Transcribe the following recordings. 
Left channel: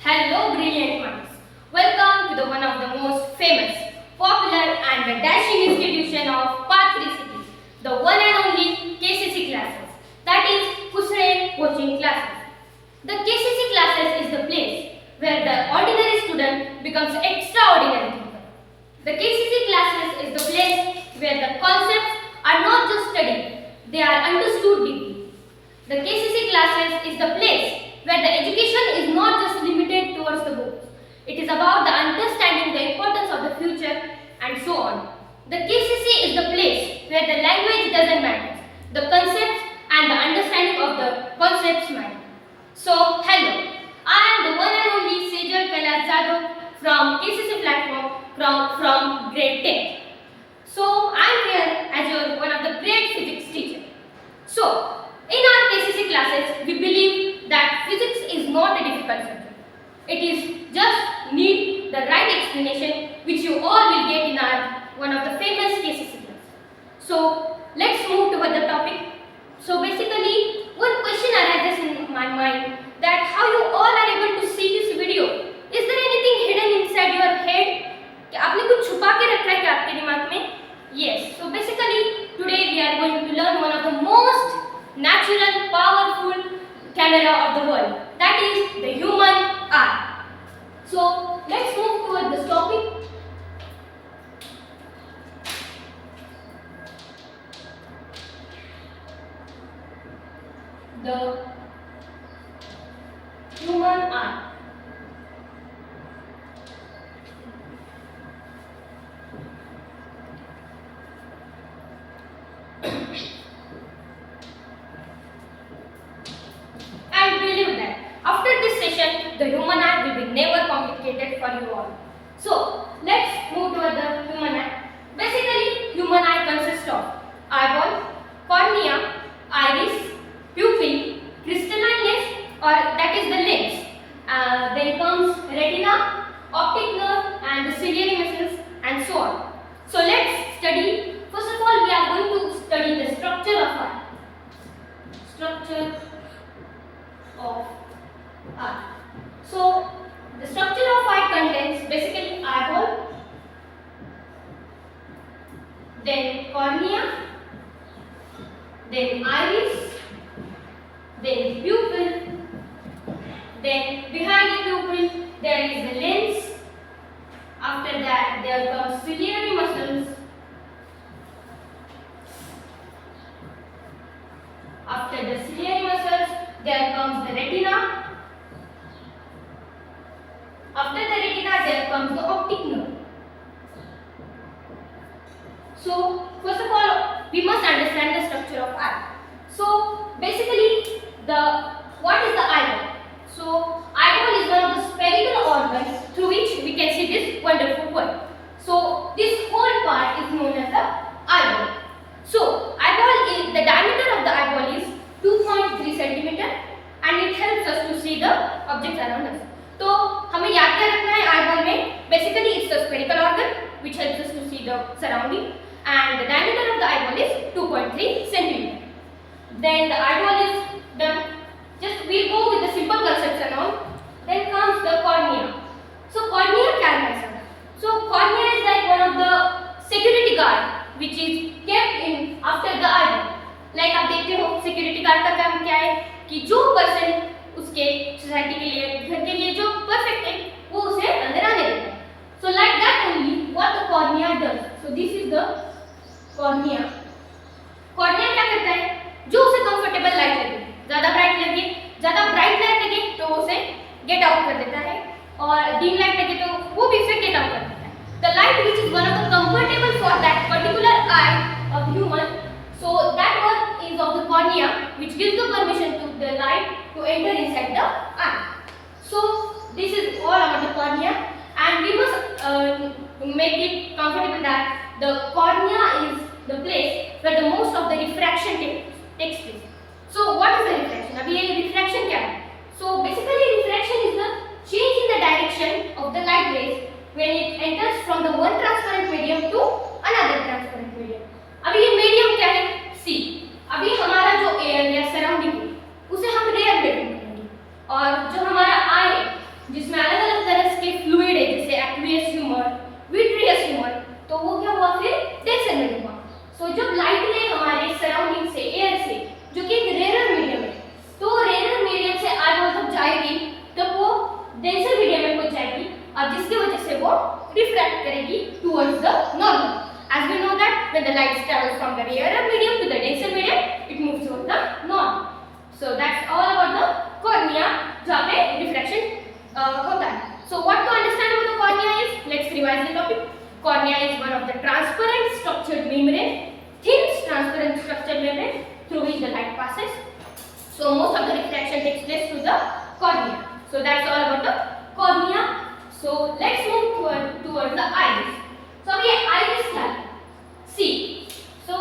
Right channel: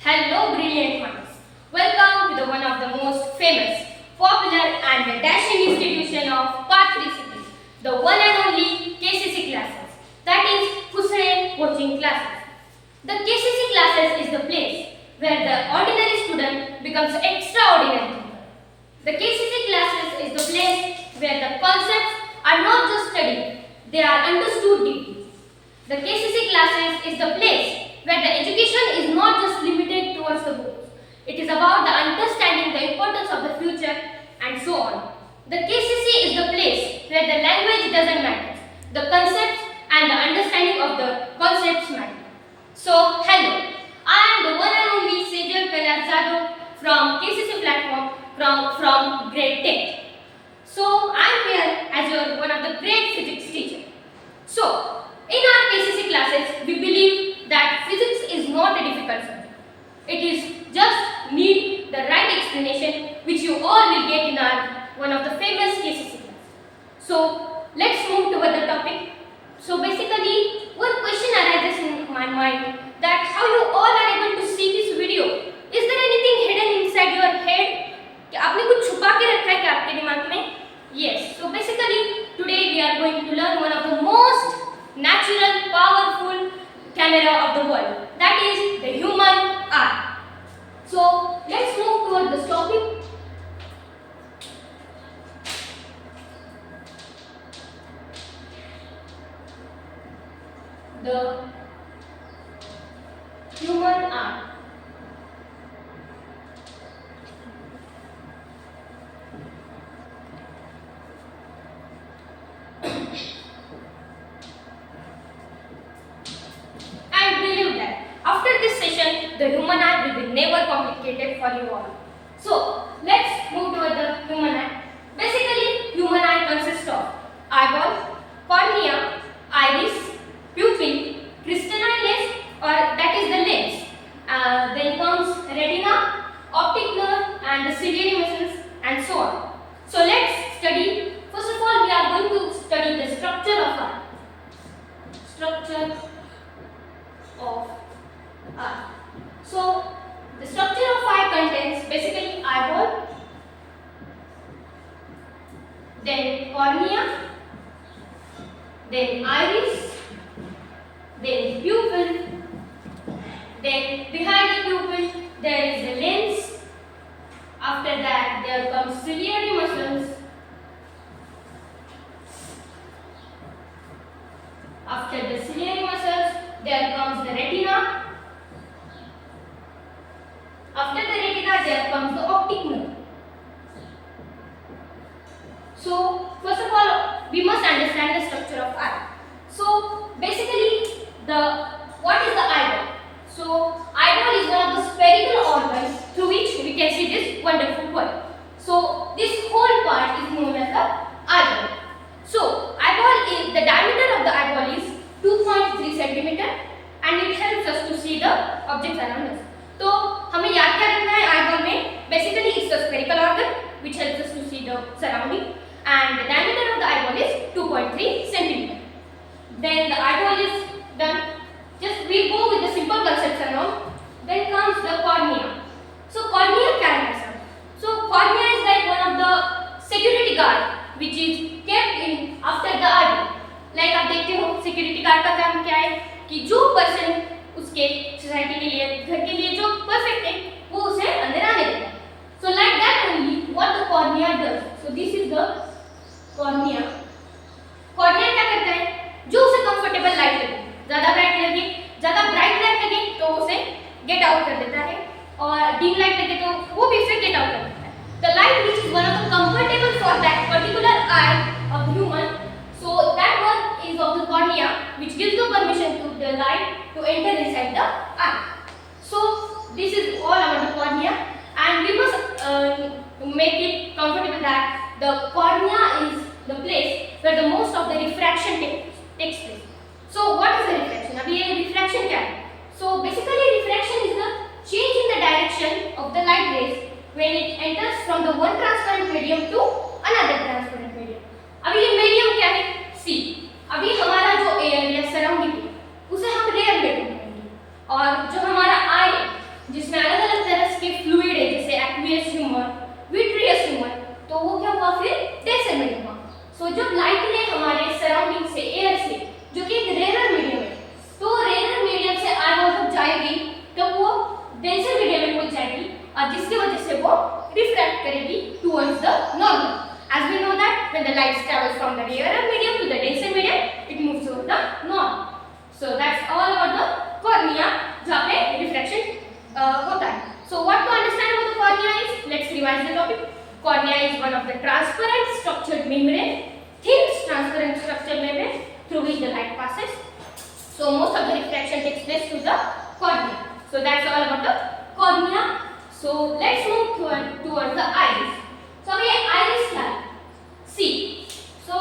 Hello, brilliant minds. Welcome to the one of the most famous, popular, and the dashing institution of Path 3 cities, the one and only KCC classes. That is Kusare Coaching Classes. The KCC classes is the place where the ordinary student becomes extraordinary thinker. The KCC classes is the place where the concepts are not just studied; they are understood deeply. The KCC classes is the place where the education is not just limited towards the books. It is about the understanding the importance of the future and so on. The KCC is the place where the language doesn't matter. The concepts and the understanding of the concepts matter. So, hello. I am the one and only Sejal Kailash Jadhav from KCC platform from grade 10. So, I am here as your one of the great physics teacher. So, in our KCC classes, we believe that physics is not a difficult subject. It is just need the right explanation which you all will get in our one of the famous KCC class. So, let's move toward the topic. So, basically, one question arises in my mind that how you all are able to see this video. Is there anything hidden inside your head? कि आपने कुछ छुपा के रखा है क्या आपके दिमाग में? Yes. So, basically, today we are going to learn one of the most natural, powerful camera of the world. That is the human eye. So let's move toward this topic. The human eye. And believe that after this session, the human eye will be never complicated for you all. So, let's move toward the human eye. Basically, human eye consists of eyeball, cornea, iris, pupil, crystalline lens, or that is the lens. Then comes retina, optic nerve, and the ciliary muscles, and so on. So, let's study. First of all, we are going to study the structure of eye. Structure of eye. So, the structure of eye contains basically eyeball, then cornea, then iris, then pupil, then behind the pupil there is the lens. After that there comes ciliary muscles. After the ciliary muscles there comes the retina. After the retina there comes the optic nerve. So first of all we must understand the structure of eye. So basically what is the eyeball? So eyeball is one of the spherical organs through which we can see this wonderful world. So this whole part is known as the eyeball. So eyeball is the diameter of the eyeball is 2.3 centimeter and it helps us to see the objects around us. तो हमें याद क्या रखना है eyeball में? Basically it's a spherical organ which helps us to see the surrounding and the diameter of the eyeball is 2.3 centimeter. Then the eyeball is done. Just we'll go with the simple concepts and all. Then comes the cornea. So cornea क्या है सब? So cornea is like one of the security guard which is kept in after the eyeball. Like आप देखते हो security guard का काम क्या है कि जो person उसके सोसाइटी के लिए घर के लिए जो परफेक्ट है वो उसे अंदर आने देता है. So like that only what the cornea does. So this is the cornea. Cornea क्या करता है? जो उसे कंफर्टेबल लाइट लगे, ज़्यादा ब्राइट लाइट लगे तो उसे गेट आउट कर देता है और डिम लाइट लगे तो वो भी उसे गेट आउट कर देता है. The light which is one of the comfortable for that particular eye of human. So that one is of the cornea which gives the permission to the light to enter inside the eye. So this is all about the cornea and we must make it comfortable that the cornea is the place where the most of the refraction takes place. So what is the refraction? अभी ये refraction क्या है? So basically refraction is the change in the direction of the light rays when it enters from the one transparent medium to another transparent medium. अभी ये medium क्या है? C. अभी हमारा जो air या surrounding है उसे हम rare medium कहेंगे और जो हमारा eye जिसमें अब जिसकी वजह से वो रिफ्रैक्ट करेगी towards the normal. As we know that when the light travels from the rarer medium to the denser medium, it moves towards the normal. So that's all about the cornea, जहाँ पे refraction होता है. So what to understand about the cornea is, let's revise the topic. Cornea is one of the transparent structured membrane, thin transparent structured membrane through which the light passes. So most of the refraction takes place through the cornea. So that's all about the cornea. So let's move towards the iris. So ये iris क्या है? See, so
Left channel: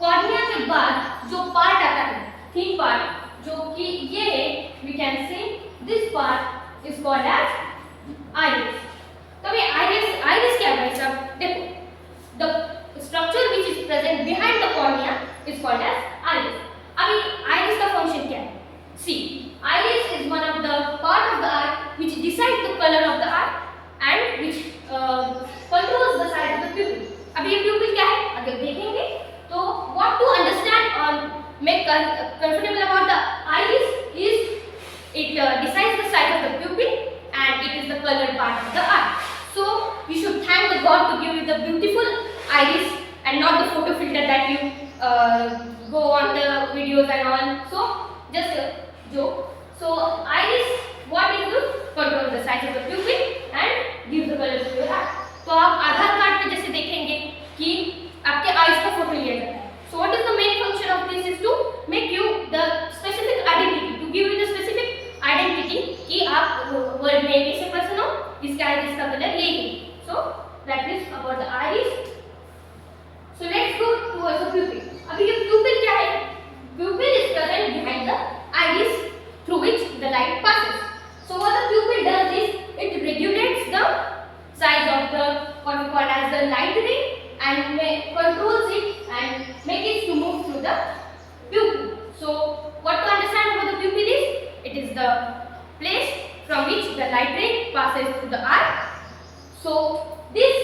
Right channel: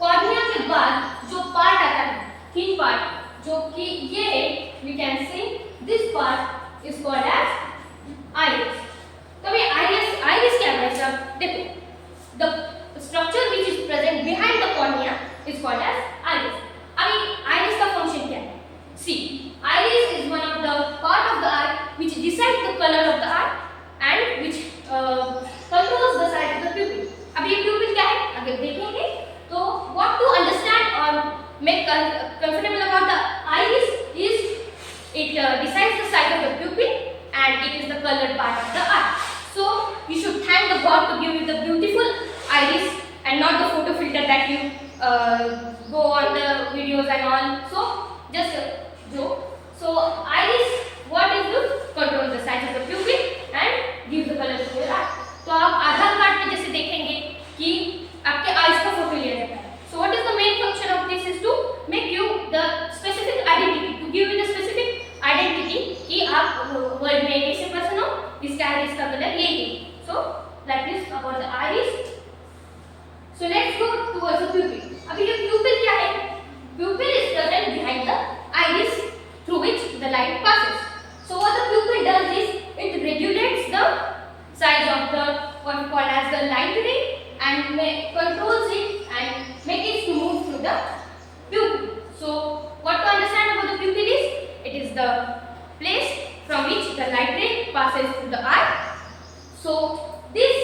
cornea के बाद जो part आता है, thin part, जो कि ये है, we can say this part is called as iris. तो ये iris क्या है भाई साहब? देखो, the structure which is present behind the cornea is called as iris. अभी iris का function क्या है? See, iris is one of the part of the eye which decides the color of the eye and which controls the size of the pupil. अब ये pupil क्या है? अगर देखेंगे तो what to understand or make comfortable about the iris is it decides the size of the pupil and it is the colored part of the eye. So you should thank the God to give you the beautiful iris and not the photo filter that you go on the videos and all. So just a joke. So iris what is to control the size of the pupil and give the color to your eye. तो आप आधार card पे जैसे देखेंगे कि आपके eyes का photo लिया जाता है. So what is the main function of this is to make you the specific identity, to give you the specific identity कि आप वर्ल्ड में कैसे पर्सन हो, इसका आईज का कलर यही है. So that is about the iris. So let's go towards the pupil. अभी ये pupil क्या है? Pupil is present behind the iris through which the light passes. So what the pupil does is it regulates the size of the what we call as the light ray and controls it and make it to move through the pupil. So what to understand about the pupil is, it is the place from which the light ray passes to the eye. So this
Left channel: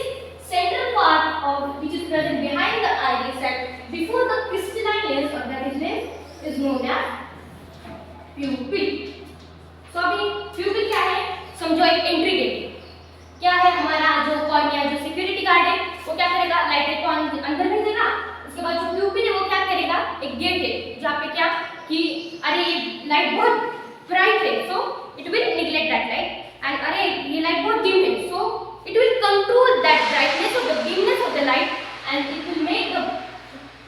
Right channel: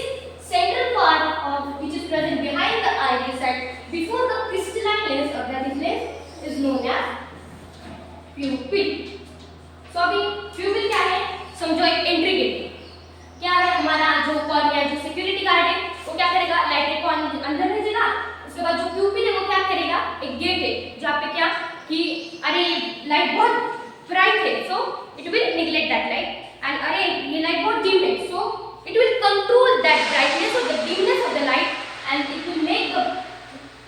central part of which is present behind the iris and before the crystalline lens or that is lens is known as pupil. So अभी pupil क्या है? समझो एक entry gate. क्या है हमारा जो cornea जो सिक्योरिटी गार्ड है वो क्या करेगा? लाइट रे को अंदर भेजेगा. उसके बाद जो प्यूपिल है वो क्या करेगा? एक गेट है जहाँ पे क्या कि अरे ये लाइट बहुत ब्राइट है, so it will neglect that light. And अरे ये लाइट बहुत डिम है, so it will control that brightness और the dimness of the light and it will make the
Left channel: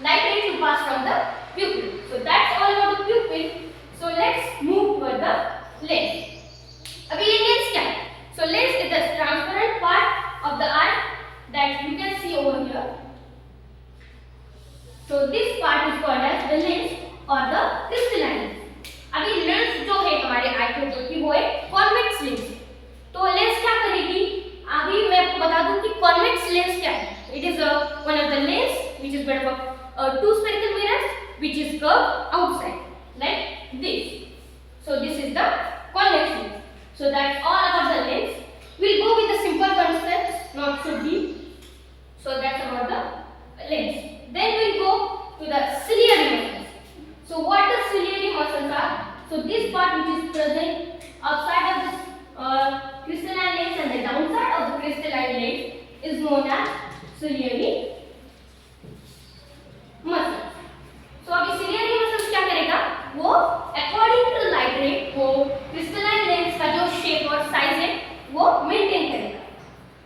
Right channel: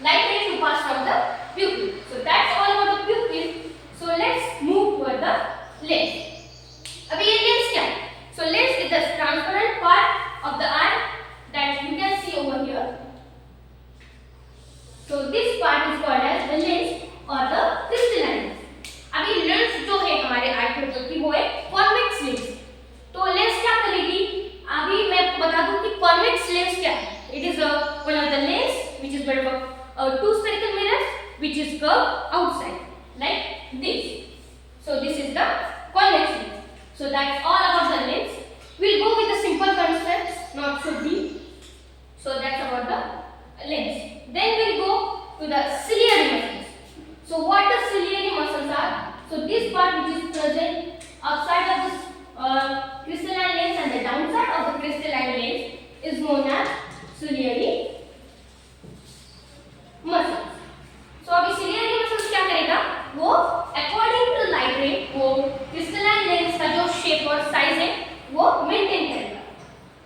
light ray to pass from the pupil. So that's all about the pupil. So let's move toward the lens. अभी ये lens क्या है? So lens is the transparent part of the eye that you can see over here. So this part is called as the lens or the crystalline lens. अभी lens जो है हमारे आई के ऊपर की वो है कॉन्वेक्स लेंस. तो लेंस क्या करेगी? अभी मैं आपको बता दूं कि कॉन्वेक्स लेंस क्या है. It is one of the lens which is made of two spherical mirrors which is curved outside like this. So this is the convex lens. So that's all about the lens. We'll go with the simple concepts, not so deep. So that's about the lens. Then we'll go to the ciliary muscles. So what the ciliary muscles are? So this part which is present outside of this crystalline lens and the downside of the crystalline lens is known as ciliary muscles. So अभी ciliary muscles क्या करेगा? वो according to the light ray वो crystalline lens का जो shape और size है वो maintain करेगा.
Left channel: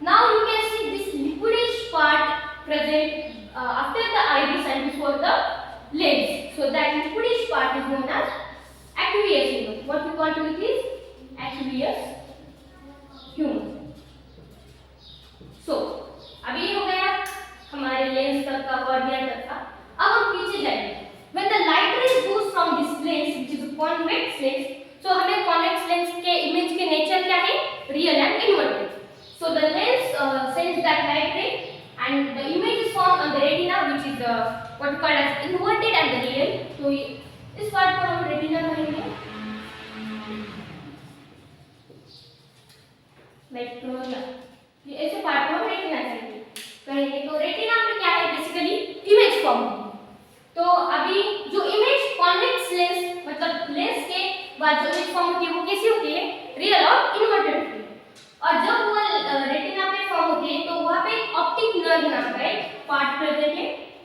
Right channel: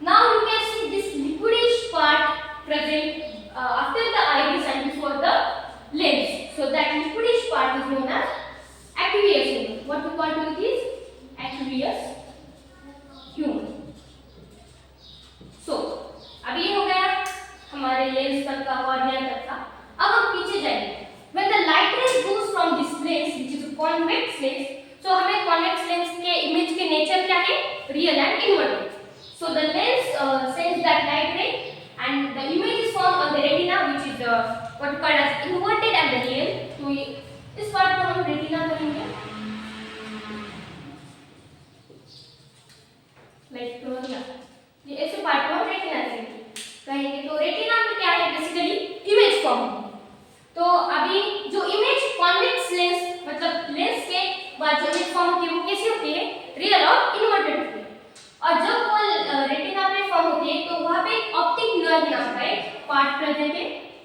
Now you can see this liquidish part present after the iris and before the lens. So that liquidish part is known as aqueous humor. What we call to it is aqueous humor. So अभी ये हो गया हमारे lens तक का cornea तक का. अब हम पीछे जाएंगे. When the light rays goes from this lens which is a convex lens, so हमें convex lens के image के nature क्या है? Real and inverted. So the lens sends that light ray and the image is formed on the retina which is what we call as inverted and the real. तो इस part पर हम retina करेंगे. Like ऐसे part पर हम retina कहेंगे. तो retina में क्या है? Basically image form. तो अभी जो इमेज कॉन्वेक्स लेंस मतलब लेंस के बाद जो इमेज फॉर्म होती है वो कैसी होती है? रियल और इन्वर्टेड होती है. और जब वो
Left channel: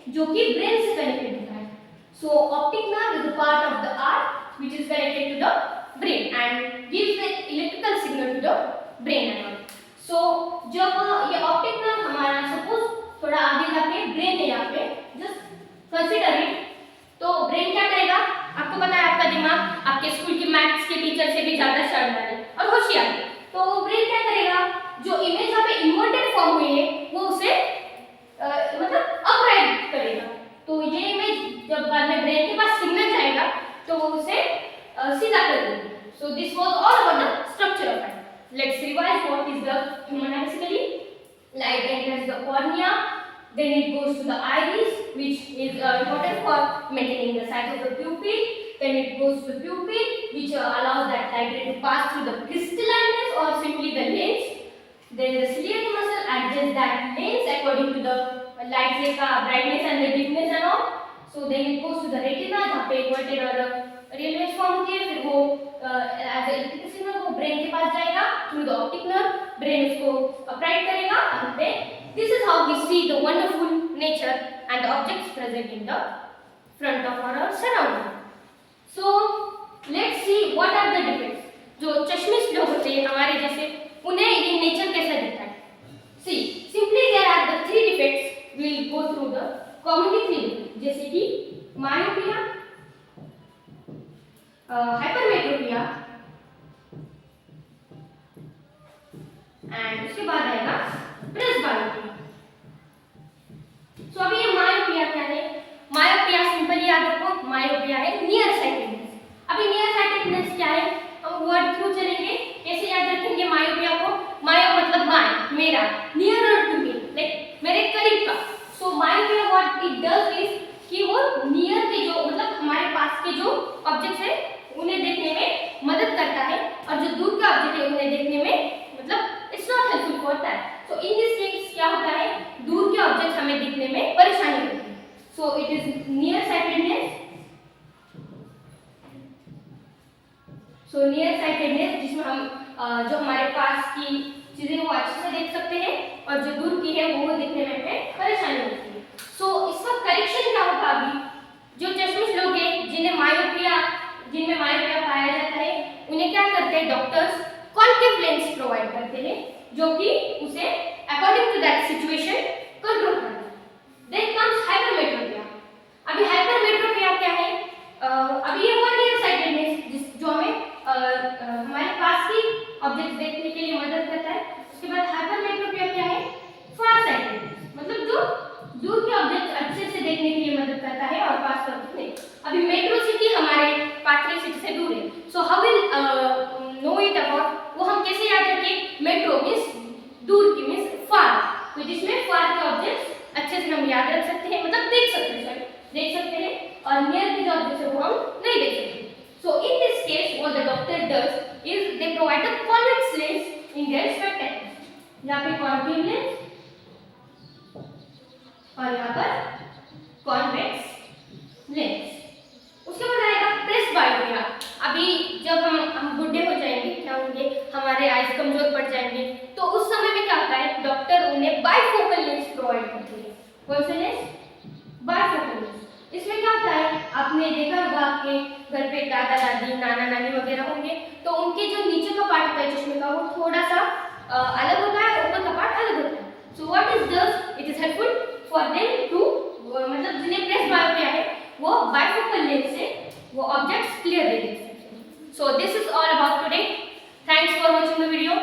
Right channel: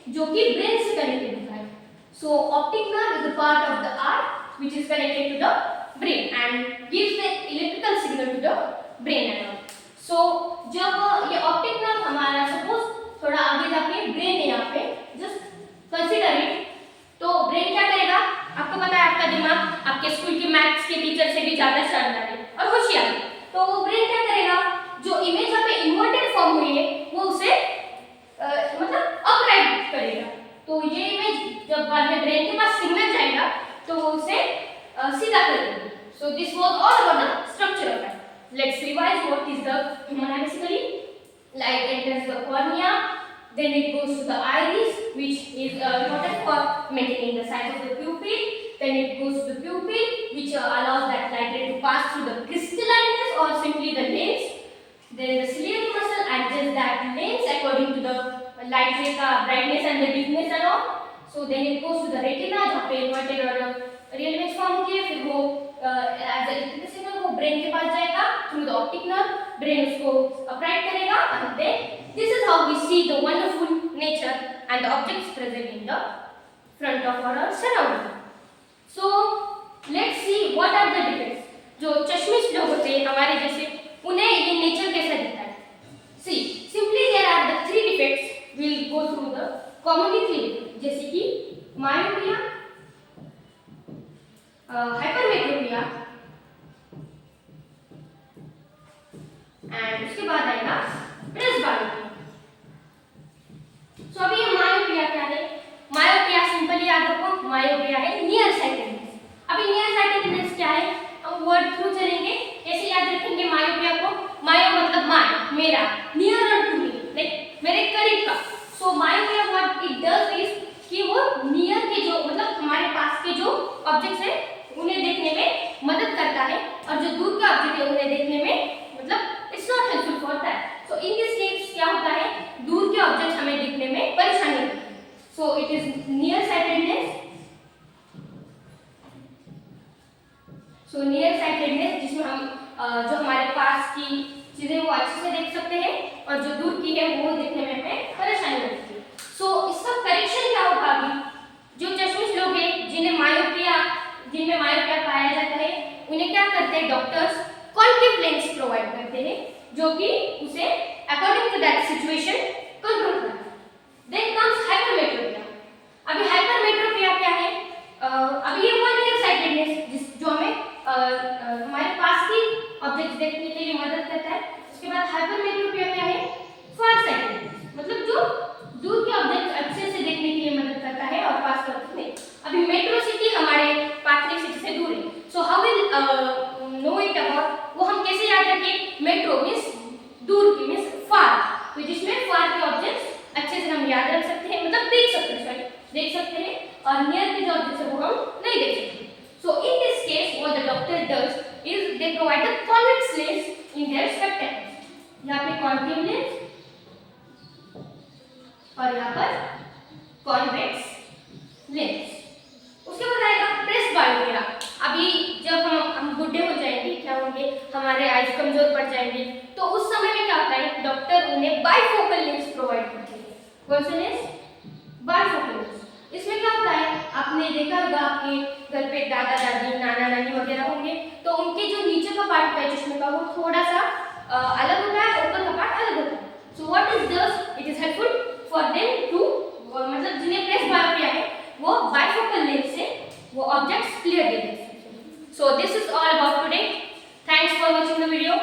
जो कि ब्रेन से कनेक्टेड होता है। So optic nerve is a part of the eye which is connected to the brain and gives the electrical signal to the brain and all. So जब ये ऑप्टिक नर्व हमारा सपोज थोड़ा आगे जाके brain है यहाँ पे, जस्ट कंसीडर इट, तो ब्रेन क्या करेगा, आपको पता है आपका दिमाग आपके स्कूल के मैथ्स के टीचर से भी ज्यादा शानदार है और होशियार है, तो वो ब्रेन क्या करेगा, जो इमेज यहाँ पे इन्वर्टेड फॉर्म हुई है वो उसे मतलब अपराइट करेगा। तो ये इमेज जब बाद में ब्रेन के पास सिग्नल जाएगा तो वो उसे सीधा कर देगा। So this was all about the structure of I. Let's revise what is the human I basically. Light enters the cornea, then it goes to the iris, which is important for maintaining the size of the pupil. Then it goes to the pupil, which allows that light ray to pass through the crystalliness or simply the lens. Then the ciliary muscle adjusts that lens according to the light ray का brightness and the dimness and all. So then it goes to the retina, जहाँ पे inverted और real image form होती है, फिर वो as a electrical signal वो brain के पास जाएगा through the optic nerve, brain उसको upright करेगा, and then this is how we see the wonderful nature and the objects present in the front of our surrounding. So let's see what are the defects. जो चश्मिश लोग होते हैं हमारे जैसे, उन्हें ये नेचर कैसा दिखता है। See, simply there are the three defects. We'll go through the commonly three, जैसे कि myopia, hypermetropia एंड उसके बाद आएगा प्रेसबायोपिया। सो अभी ये मायोपिया क्या है, मायोपिया सिंपली याद रखो, मायोपिया है नियर साइटेडनेस। अभी नियर साइटेडनेस क्या है, हम वर्ड थ्रू चलेंगे, कैसे याद रखेंगे मायोपिया को, मायो मतलब माय मेरा, नियर टू मी लाइक मेरे करीब का। So myopia what it does is कि वो नियर के जो मतलब हमारे पास के जो ऑब्जेक्ट्स है उन्हें देखने में मदद करता है, और जो दूर के ऑब्जेक्ट है उन्हें देखने में मतलब it's not helpful for that. So in this case क्या होता है, दूर के ऑब्जेक्ट हमें दिखने में परेशानी होती है। So it is near sightedness. So near sightedness जिसमें हम जो हमारे पास की चीजें वो अच्छे से देख सकते हैं, और जो दूर की है वो देखने में हमें परेशानी होती है। सो इसका करेक्शन क्या होगा, अभी जो चश्मिश लोग हैं जिन्हें मायोपिया पाया जाता है, उन्हें क्या करते हैं डॉक्टर्स, कॉन्केव लेंस प्रोवाइड करते हैं जो कि उसे according to that situation control करता है। Then comes hypermetropia. अभी हाइपरमेट्रोपिया क्या है, अभी ये हुआ नियर साइटेडनेस जो हमें हमारे पास की ऑब्जेक्ट्स देखने के लिए मदद करता है। उसके बाद हाइपरमेट्रोपिया क्या है, फार साइटेडनेस, मतलब जो दूर के ऑब्जेक्ट अच्छे से देखने के लिए मदद करता है और पास के ऑब्जेक्ट नहीं। अभी मेट्रो सिटी हमारे पाथवे सिटी से दूर है, so how will know it about, वो हम कैसे याद रखें, मेट्रो मींस दूर की मींस फार, तो जिसमें फार के ऑब्जेक्ट्स अच्छे से हम याद रख सकते हैं, मतलब देख सकते हैं, और नियर के जो ऑब्जेक्ट्स है वो हम नहीं देख सकते। So in this case what the doctor does is they provide the convex lens in their spectacles. यहाँ पे कॉन्केव लेंस और यहाँ पर कॉन्वेक्स लेंस। उसके बाद आएगा प्रेसबायोपिया। अभी जब हम बूढ़े हो जाएंगे, क्या होंगे, हमारे आइज कमजोर पड़ जाएंगे, तो उस समय में क्या होता है, डॉक्टर उन्हें बाइफोकल लेंस प्रोवाइड करते हैं। कौन से लेंस, बाइफोकल लेंस। इसमें क्या होता है, आपने देखा होगा आपके घर पे दादा दादी नाना नानी वगैरह होंगे, तो उनके जो नीचे का पार्ट होता है चश्मे का वो थोड़ा सा अलग होता है, ऊपर का पार्ट अलग होता है। So what is does it is helpful for them to, मतलब जिन्हें प्रेसबायोपिया है वो बाइफोकल लेंस से वो ऑब्जेक्ट्स क्लियरली देख सकते हैं। So this is all about today. Thanks for watching the video.